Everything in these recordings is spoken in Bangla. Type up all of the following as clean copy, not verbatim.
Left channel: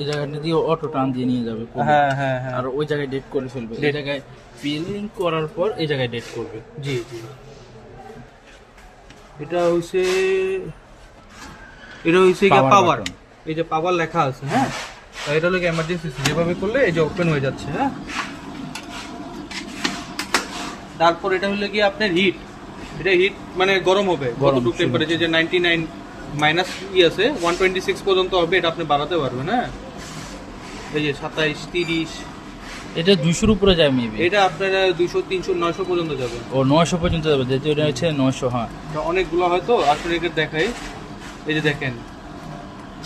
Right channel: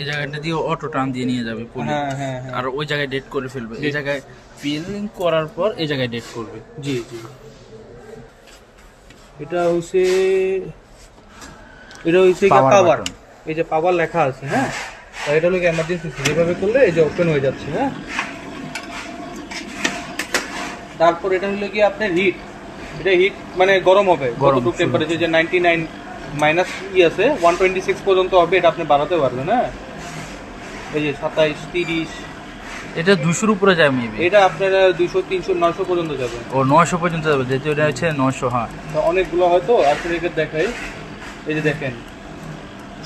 এই জায়গাটা দিয়ে অটো টান দিয়ে নিয়ে যাবে পুলি। হ্যাঁ হ্যাঁ হ্যাঁ, আর ওই জায়গায় ডেট করে ফেলবে, এই জায়গায় ফিলিং করার পর এই জায়গায় ডেট করবে। জি জি। এটা হচ্ছে Power পাওয়ার, button। এই যে পাওয়ার লেখা আছে, হ্যাঁ। আর এটা হলো এমার্জেন্সি, যেভাবে করলে এই যে ওপেন হয়ে যাচ্ছে, হ্যাঁ। তারপর এটা হলো কি আপনার হিট, এটা হিট মানে গরম হবে, গরম কতটুকু টেম্পারেচার, যে 99 মাইনাস আছে 126 পর্যন্ত হবে, এটা আপনি বাড়াতে পারবেন, হ্যাঁ। এই যে 27 30, এটা 200-র উপরে যায় মেবি। এটা আপনারা 200 300 900 পর্যন্ত যাবে। ও 900 পর্যন্ত যাবে, যেহেতু এটা হচ্ছে 900। হ্যাঁ, তো অনেকগুলো হয়তো আসলে এটা দেখাই, এই যে দেখেন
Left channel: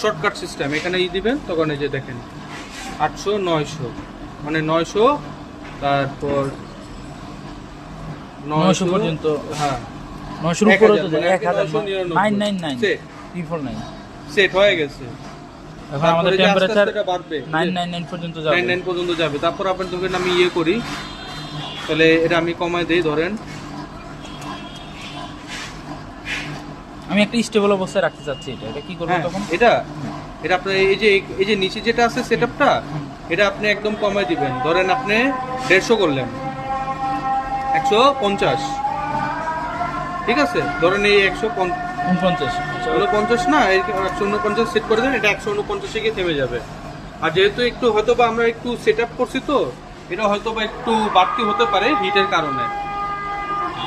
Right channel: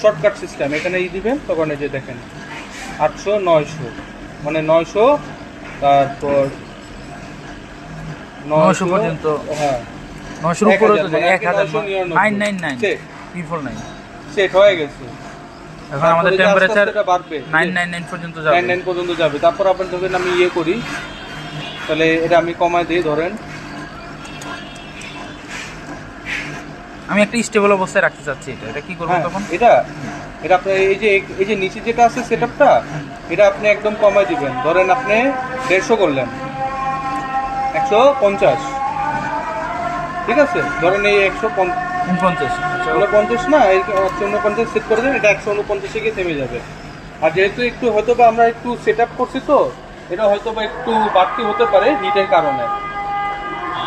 শর্টকাট সিস্টেম, এখানে দিবেন তখন এই যে দেখেন 800 900 মানে 900, তারপর 900 পর্যন্ত। হ্যাঁ 900-র উপরে তো যায় 1000, 999 সেট 349। সেট হয়ে গেছে। এখন আমাদের তারপরে যে আস্তে টেম্পারেচার আস্তে এটা বাড়বে, 999 পর্যন্ত যাবে। 99 পর্যন্ত যাবে। তারপর আপনার ধরেন আমি ইয়ে করি, তাহলে এটা আমি কমায় দিই, ধরেন আমি একটা স্টেবল অবস্থায় রাখতে চাচ্ছি, এটা কি করব হ্যাঁ, তখন? এটা আপনার এই যে নিচে যেটা আছে সেটআপটা, এটা আপনি একদম কমায় দিবেন। ধরেন আপনি 150 করলেন, 150, ঠিক আছে। ধরেন এই 49। আচ্ছা, 149 না, এই 149 সেট করে দেন, এটা 149 গিয়ে থেমে যাবে। আর যেহেতু একটু হয়তো বা আমরা একটু সেটআপ করছি, তো এটা হয়তো বা একটু বাড়তি হতে পারে হিটের কারণে।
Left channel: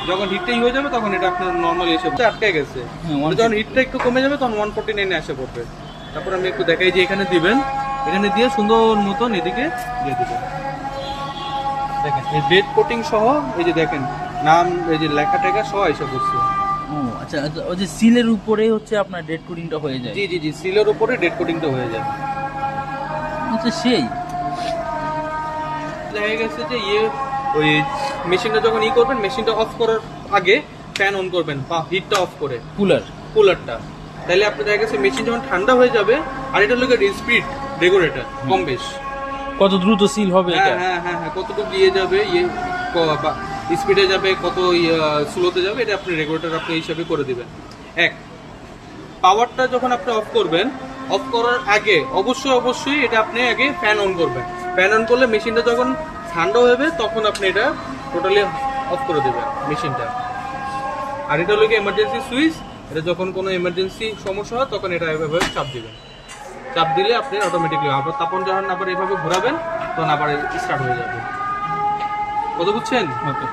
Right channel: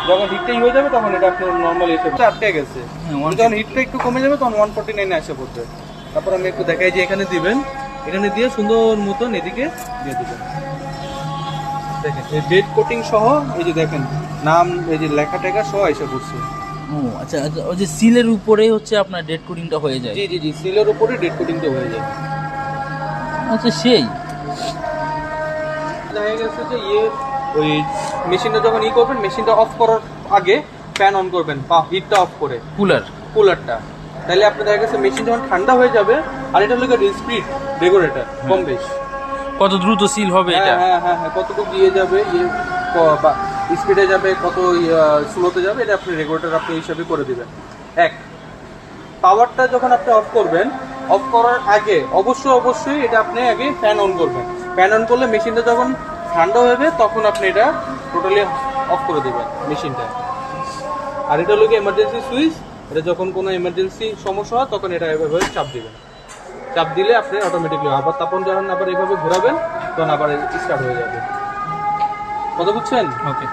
যখন হিটটাই হয়ে যাবে তখন এটা আপনার নর্মালি এসে আটকে গেছে, যখন হিটটা একটু কমে যাবে তখন 149 এসে পড়বে। তারপর আমি একটু দেখাই যে এখানে দিবেন, এখানে দিয়ে সুন্দর মতন এদিকে দিয়ে দিবেন। দেখেন এই ডেট কোটিং সহ, এই যে দেখেন নাম, এই যে লেখা টেখা সহ এসে পড়ছে। ও আচ্ছা আচ্ছা, ওই যে সিলের উপরে হচ্ছে আপনার ডেট কোডিংটা হয়ে যায়। জি জি জি, সিলের উপরে ডেট কোটিংটা হয়ে যায়। আচ্ছা, সেই দেখা গেছে যে ওই মেশিনটা যখন করবেন, মেশিনটা অফ করার আগে ফ্যান অন করবেন বা হিটটা অফ করে কুলারটা, তাহলে আপনার দেখা গেছে মেশিন যখন ঠান্ডা হয়ে যাবে। আর এটা হলো স্পিড রেগুলেটর, কম বেশ কত দ্রুত সিল হবে এটা। হ্যাঁ হ্যাঁ হ্যাঁ, কতটুকু দিয়ে যাবে, স্পিডে যাবে, কত স্লোতে যাবে, এটা আপনি রেগুলেটর আপনি হিসাবে করে দিবেন। এক, পাওয়ারটা যখন আপনি অফ করবেন, অফ করার আগে অবশ্যই এটা আপনি আগে ফ্যান অন করবেন। ফ্যান অন করলে মেশিনটা যখন ঠান্ডা হবে তখন আপনি এটা টোটালি অফ করে দেবেন মেশিনটা। আর এটা হলো এমার্জেন্সি সুইচ, এটা যখন কোনো এমার্জেন্সি সমস্যা হয় তখন এটা এভাবে চাপ দিবেন। চাপ দিলে আপনি অটোমেটিকলি আবার তখন যখন আবার এভাবে ঘোরাবেন তখন আবার স্টার্ট হয়ে যাবে। কথা বুঝছেন? ওকে।